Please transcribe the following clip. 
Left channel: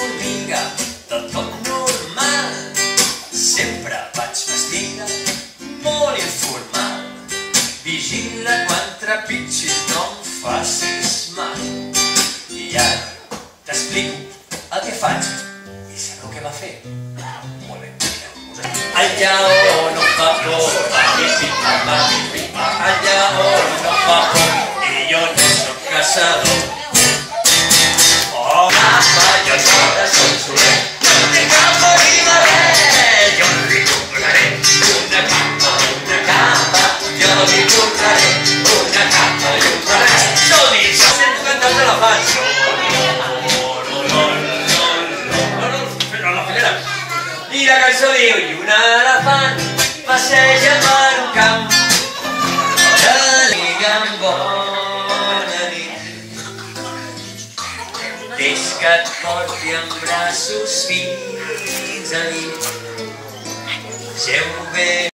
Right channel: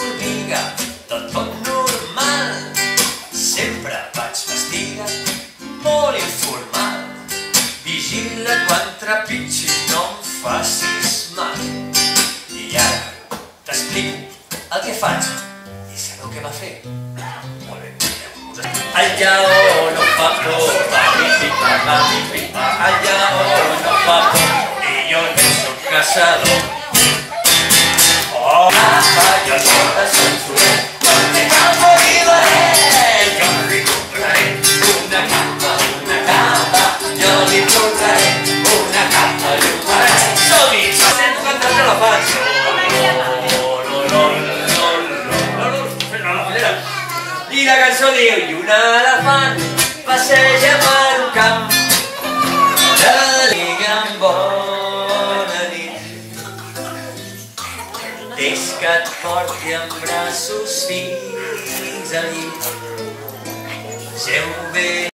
formiga, del tot normal. Sempre vaig vestida molt informal. Vigila quan trepitgis, no em facis mal. I ara t'explico el que faig. I sabeu què va fer? Molt bé, el lleó no fa por, pa-mi-pi-pa, el lleó no fa por, i jo no soc caçador. Oh, apa, jo no de censurer, no te cal morir, jo li compraré una capa, jo li compraré una capa i un barret. Som-hi, sento cantar de la faig. I la cançó diu: i un elefant passeja per un camp, que diguen bona nit, deix que et porti en braços fins a nit. Geu bé.